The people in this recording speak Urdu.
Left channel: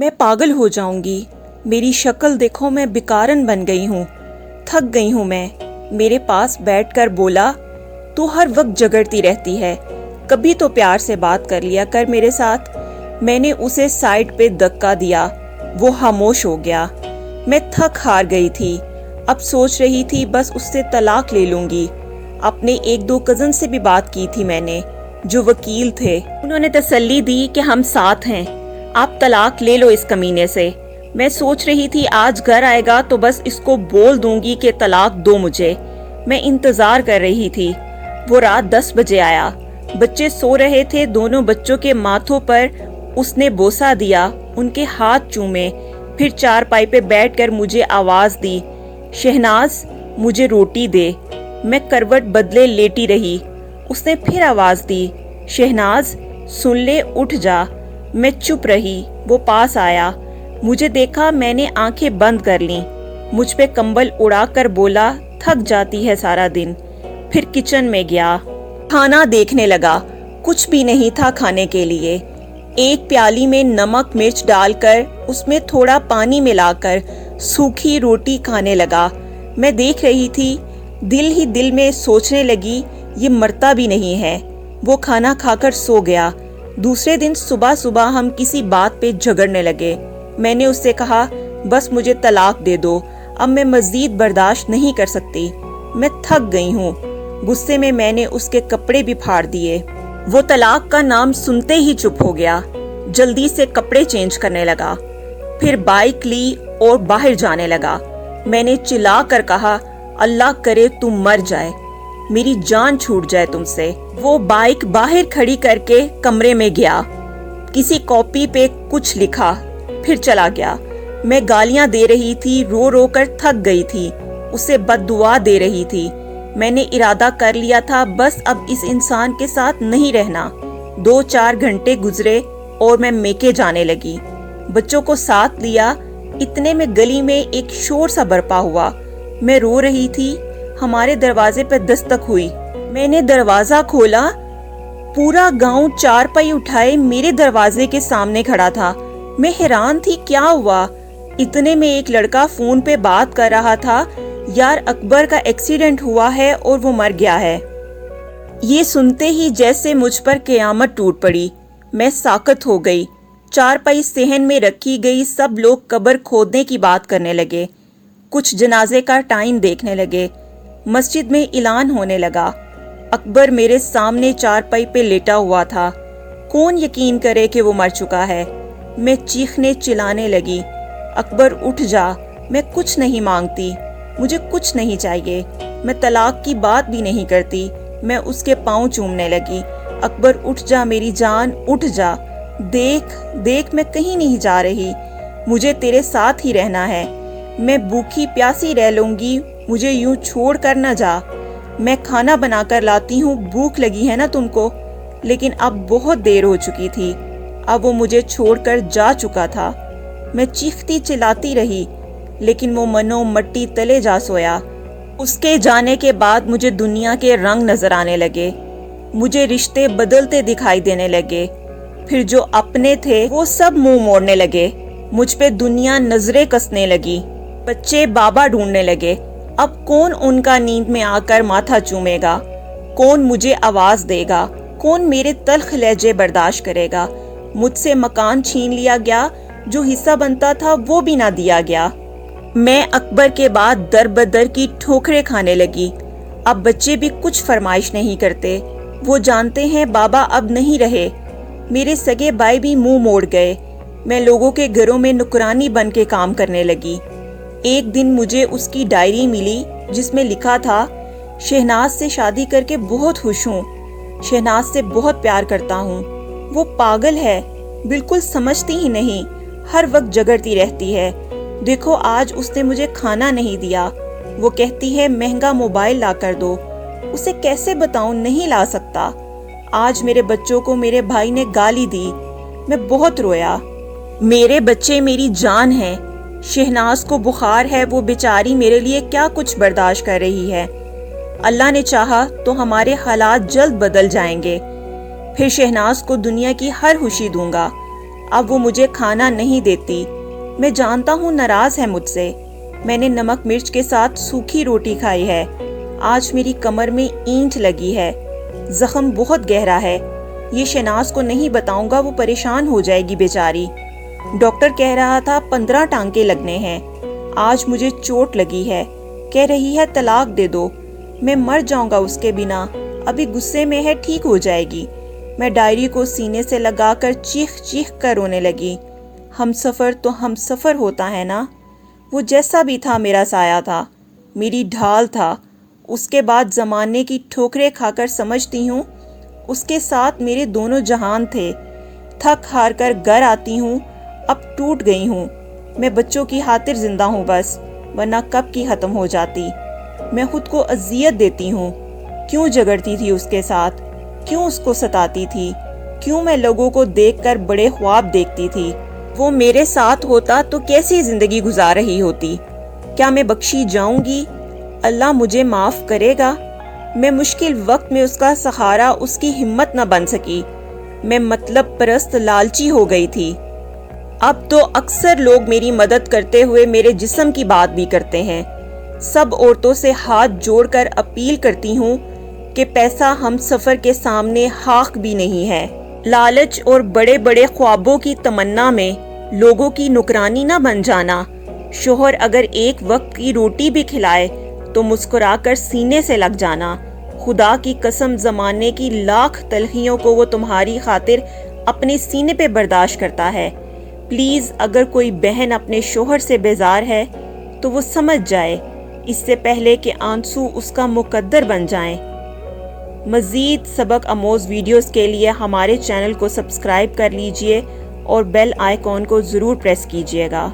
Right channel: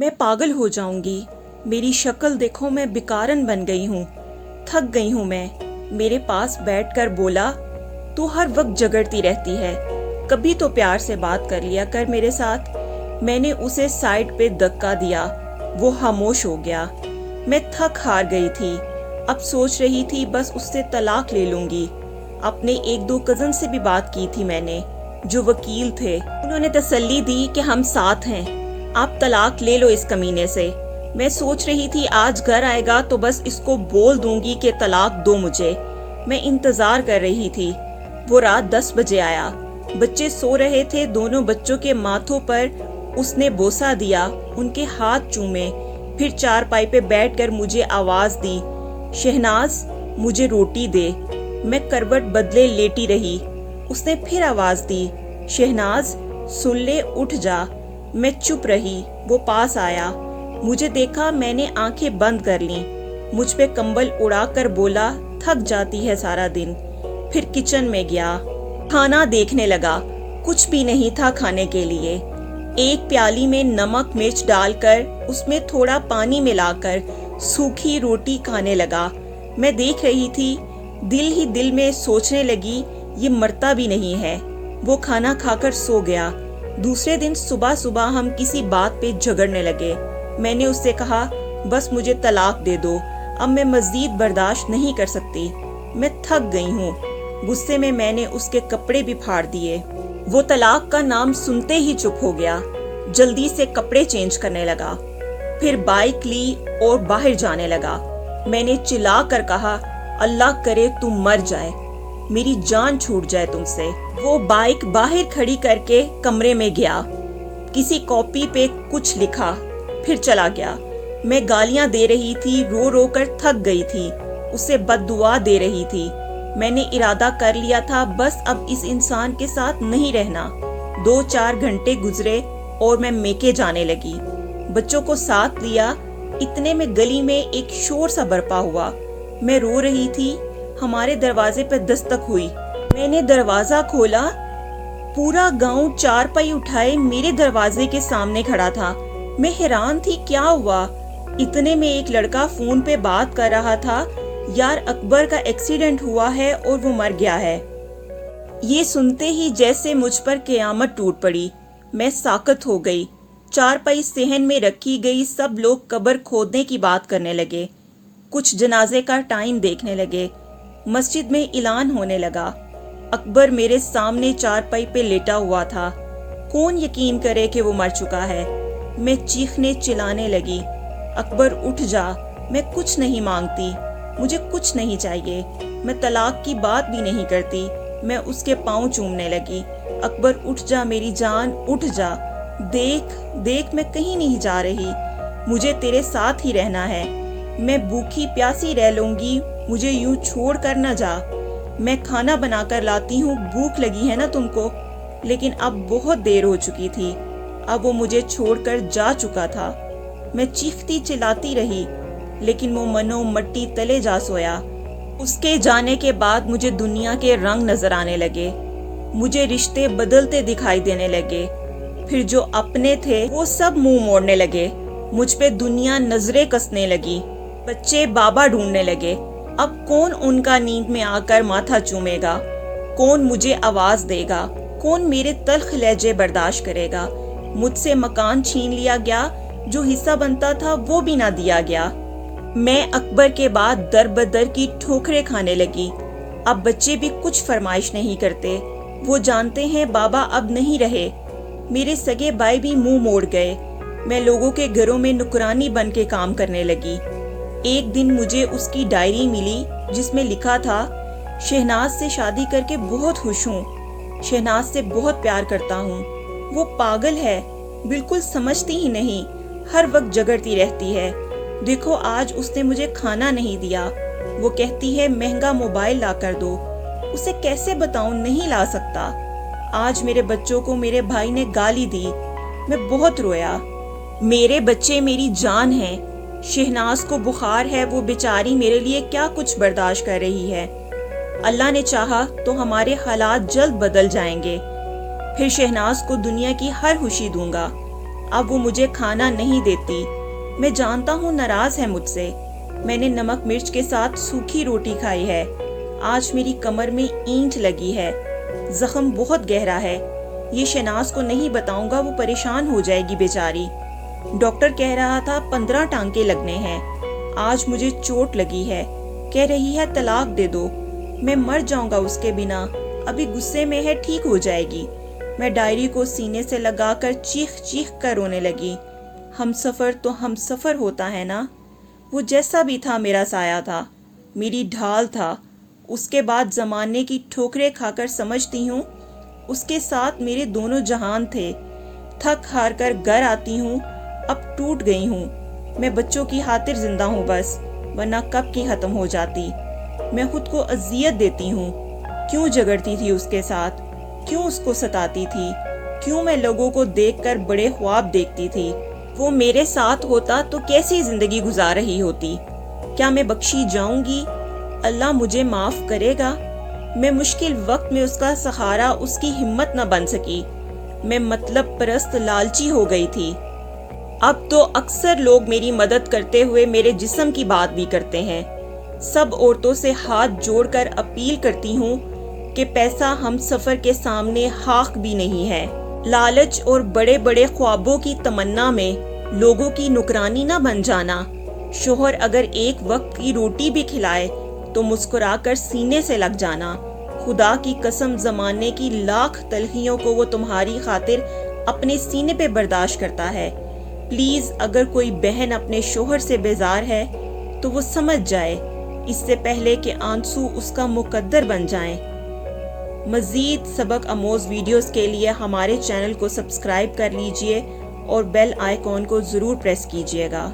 میں پاگل ہو جاؤں گی، میری شکل دیکھو، میں بیکارن بن گئی ہوں، تھک گئی ہوں میں۔ میرے پاس بیٹھ کر بولا، تو ہر وقت جگڑتی رہتی ہے، کبھی تو پیار سے بات کر لیا کر میرے ساتھ۔ میں نے اسے سائڈ پہ دھکا دیا، وہ خاموش ہو گیا۔ میں تھک ہار گئی تھی، اب سوچ رہی تھی بس اس سے طلاق لے لوں گی۔ اپنے ایک دو کزن سے بھی بات کی تھی میں نے، جو وکیل تھے، انہوں نے تسلی دی کہ ہم ساتھ ہیں، آپ طلاق لے لو اس کمینے سے۔ میں سوچ رہی تھی آج گھر آئے گا تو بس اس کو بول دوں گی کہ طلاق دو مجھے۔ میں انتظار کر رہی تھی۔ وہ رات 10 بجے آیا، بچے سو رہے تھے، دونوں بچوں کے ماتھوں پر اس نے بوسہ دیا، ان کے ہاتھ چومے، پھر چارپائی پہ بیٹھ کر مجھے آواز دی، شہناز مجھے روٹی دے۔ میں کروٹ بدلے لیٹی رہی۔ اس نے پھر آواز دی، شہناز سن لے، اٹھ جا۔ میں چپ رہی۔ وہ پاس آیا، مجھے دیکھا، میں نے آنکھیں بند کر لیں، مجھ پہ کمبل اڑا کر بولا، تھک جاتی ہے سارا دن۔ پھر کچن میں گیا، کھانا دیکھنے لگا، کچھ بھی نہیں تھا کھانے کے لیے۔ ایک پیالی میں نمک مرچ ڈال کر اس میں تھوڑا پانی ملا کر سوکھی روٹی کھانے لگا۔ میں دیکھ رہی تھی، دل ہی دل میں سوچنے لگی، یہ مرتا بھی نہیں ہے۔ وہ کھانا کھا کر سو گیا۔ دوسرے دن صبح صبح ہم کسی بات پہ جھگڑنے لگے۔ میں نے اس سے کہا، بس مجھے طلاق دے دو، اب میں مزید برداشت نہیں کر سکتی، میں تھک گئی ہوں۔ غصے میں میں نے اس کے کپڑے بھی پھاڑ دیے۔ وہ طلاق کا نام سنتے ہی چپ ہو گیا، جلدی سے کپڑے چینج کرنے لگا، پھر بائک لی اور باہر جانے لگا۔ میں نے چلا کر کہا، اللہ کرے تم مر جائے، میری جان چھوٹ جائے تم سے۔ وہ بائک باہر کھڑی کر کے کمرے میں گیا، کسی کاپی پہ کچھ لکھا، پھر چلا گیا۔ میں گالیاں دے رہی تھی، رو رو کر تھک گئی تھی، اسے بد دعا دے رہی تھی۔ میں نے ارادہ کر لیا تھا بس اب اس انسان کے ساتھ نہیں رہنا۔ 2-4 گھنٹے گزرے اور میں میکے جانے لگی، بچوں کو ساتھ لیا۔ اتنے میں گلی میں ایک شور سا برپا ہوا۔ میں رو رہی تھی، ہمارے دروازے پہ دستک ہوئی۔ میں نے دروازہ کھولا، پورا گاؤں چارپائی اٹھائے میرے دروازے کے سامنے کھڑا تھا۔ میں حیران تھی، کیا ہوا؟ اتنے میں ایک لڑکا فون پہ بات کر رہا تھا، یار اکبر کا ایکسیڈنٹ ہوا ہے اور وہ مر گیا ہے۔ یہ سنتے ہی جیسے مجھ پر قیامت ٹوٹ پڑی، میں ساکت ہو گئی۔ چارپائی صحن میں رکھی گئی، سب لوگ قبر کھودنے کی بات کرنے لگے، کچھ جنازے کا ٹائم دیکھنے لگے۔ مسجد میں اعلان ہونے لگا، اکبر میرے سامنے چارپائی پہ لیٹا ہوا تھا، کون یقین کرے کہ وہ مر چکا ہے؟ میں چیخنے چلانے لگی، اکبر اٹھ جا، میں کچھ نہیں مانگتی، مجھے کچھ نہیں چاہیے، میں طلاق کی بات بھی نہیں کرتی۔ میں اس کے پاؤں چومنے لگی، اکبر اٹھ جا میری جان، اٹھ جا، دیکھ میں کہیں نہیں جا رہی، مجھے تیرے ساتھ ہی رہنا ہے، میں بھوکی پیاسی رہ لوں گی، مجھے یوں چھوڑ کر نہ جا، میں کھانا بنا کر لاتی ہوں، بھوک لگی ہے نا تم کو؟ لیکن اب بہت دیر ہو چکی تھی، اب وہ مجھے چھوڑ کر جا چکا تھا۔ میں چیختی چلاتی رہی، لیکن وہ منو مٹی تلے جا سویا۔ اس کے جانے کے بعد مجھے دنیا کے رنگ نظر آنے لگے، مجھے رشتے بدلتے دکھائی دینے لگے، پھر جو اپنے تھے وہ سب منہ موڑنے لگے، مجھ پہ دنیا نظریں کسنے لگی، بچے بابا ڈھونڈنے لگے۔ اب کون ان کا نیند میں آ کر ماتھا چومے گا؟ کون مجھے آواز دے گا؟ کون میرے تلخ لہجے برداشت کرے گا؟ مجھ سے مکان چھین لیا گیا، جو حصہ بنتا تھا وہ بھی نہ دیا گیا۔ میں اکبر کے بعد در بدر کی ٹھوکریں کھانے لگی۔ اب بچے بھی کچھ فرمائش نہیں کرتے، وہ جانتے ہیں بابا اب نہیں رہے۔ میرے سگے بھائی بھی منہ موڑ گئے۔ میں لوگوں کے گھروں میں نوکرانی بن کے کام کرنے لگی۔ ایک دن مجھے اس کی ڈائری ملی جس میں لکھا تھا، شہناز سے شادی کر کے بہت خوش ہوں، شہناز سے بہت پیار کرتا ہوں، وہ پاگل ہے، بالکل سمجھتی ہی نہیں، ہر وقت جگڑتی رہتی ہے، دیکھو آج اس نے مجھے کھانا نہیں دیا، وہ کہتی ہے مہنگا موبائل لا کر دو، اسے کیسے بتاؤں نہیں لا سکتا، آج میرے بچوں کو میرے بھائی نے گالی دی، میں بہت رویا، میرے بچے میری جان ہیں، شہناز کو بخار ہے، وہ بیچاری میرے لیے کیا کچھ برداشت کر رہی ہے، اللہ نے چاہا تو ہمارے حالات جلد بدل جائیں گے، پھر شہناز کو دنیا کی ہر خوشی دوں گا، اب وہ مجھے کھانا نہیں دیتی۔ میں جانتا ہوں ناراض ہے مجھ سے۔ میں نے نمک مرچ کے ساتھ سوکھی روٹی کھائی ہے۔ آج میری کمر میں اینٹ لگی ہے۔ زخم بہت گہرا ہے۔ یہ شناز کو نہیں بتاؤں گا، وہ پریشان ہو جائے گی بیچاری۔ ڈاکٹر کہہ رہا تھا 15 ٹانکے لگنے ہیں۔ آج مجھے چوٹ لگی ہے۔ کہہ رہی ہے طلاق دے دو۔ میں مر جاؤں گا اس کے بنا۔ ابھی غصے میں ہے، ٹھیک ہو جائے گی۔ میں ڈائری کو سینے سے لگا کر چیخ چیخ کر رونے لگی۔ ہم سفر تو ہم سفر ہوتا ہے نا۔ وہ جیسا بھی تھا میرا سایہ تھا، میری ڈھال تھا۔ اس کے بعد زمانے کی ٹھوکریں کھا کر سمجھتی ہوں اس کے ساتھ میرے دونوں جہان تھے۔ تھک ہار کر گھر آتی ہوں، اب ٹوٹ گئی ہوں۔ میں بچوں کی خاطر زندہ ہوں بس، ورنہ کب کی ختم ہو جاتی۔ میں خود کو اذیت دیتی ہوں۔ کیوں جھگڑتی تھی اس کے ساتھ؟ کیوں اس کو ستاتی تھی؟ کیوں میں لوگوں کو دیکھ کر بڑے خواب دیکھتی تھی؟ وہ میرے ساتھ ہوتا تو کیسی زندگی گزار رہی ہوتی؟ کیا میں بخشی جاؤں گی؟ اللہ مجھے معاف کرے گا؟ میں مشکل وقت میں اس کا سہارا، اس کی ہمت نہ بن سکی۔ میں مطلب پرست لالچی ہو گئی تھی۔ اب تو اکثر لوگ میری مدد کرتے ہوئے میرے جسم کی بات بھی کرتے ہیں۔ سب عورتوں سے ہاتھ جوڑ کر اپیل کرتی ہوں کہ پیسہ ہم سفر کے سامنے خاک بھی نہیں ہے۔ لالچ اور بڑے بڑے خوابوں کی تمنا میں لوگوں کی نکرانی نہ بن جانا۔ شوہر اگر ایک وقت کی روٹی بھی کھلائے تو مسکرا کر سینے سے لگ جانا۔ خدا کی قسم، زمانے کی لاکھ تلخیوں کو وہ تمہاری خاطر اپنے سینے پہ برداشت کرتا ہے۔ پلیز اگر کوئی بہن اپنے شوہر سے بیزار ہے تو وہ سمجھ جائے، اس سے پہلے کہ آنسو اس کا مقدر بن جائیں۔ مزید سبق آموز ویڈیوز کے لیے ہمارے چینل کو سبسکرائب کر لیجئے اور بیل آئیکن کو ضرور پریس کیجئے گا۔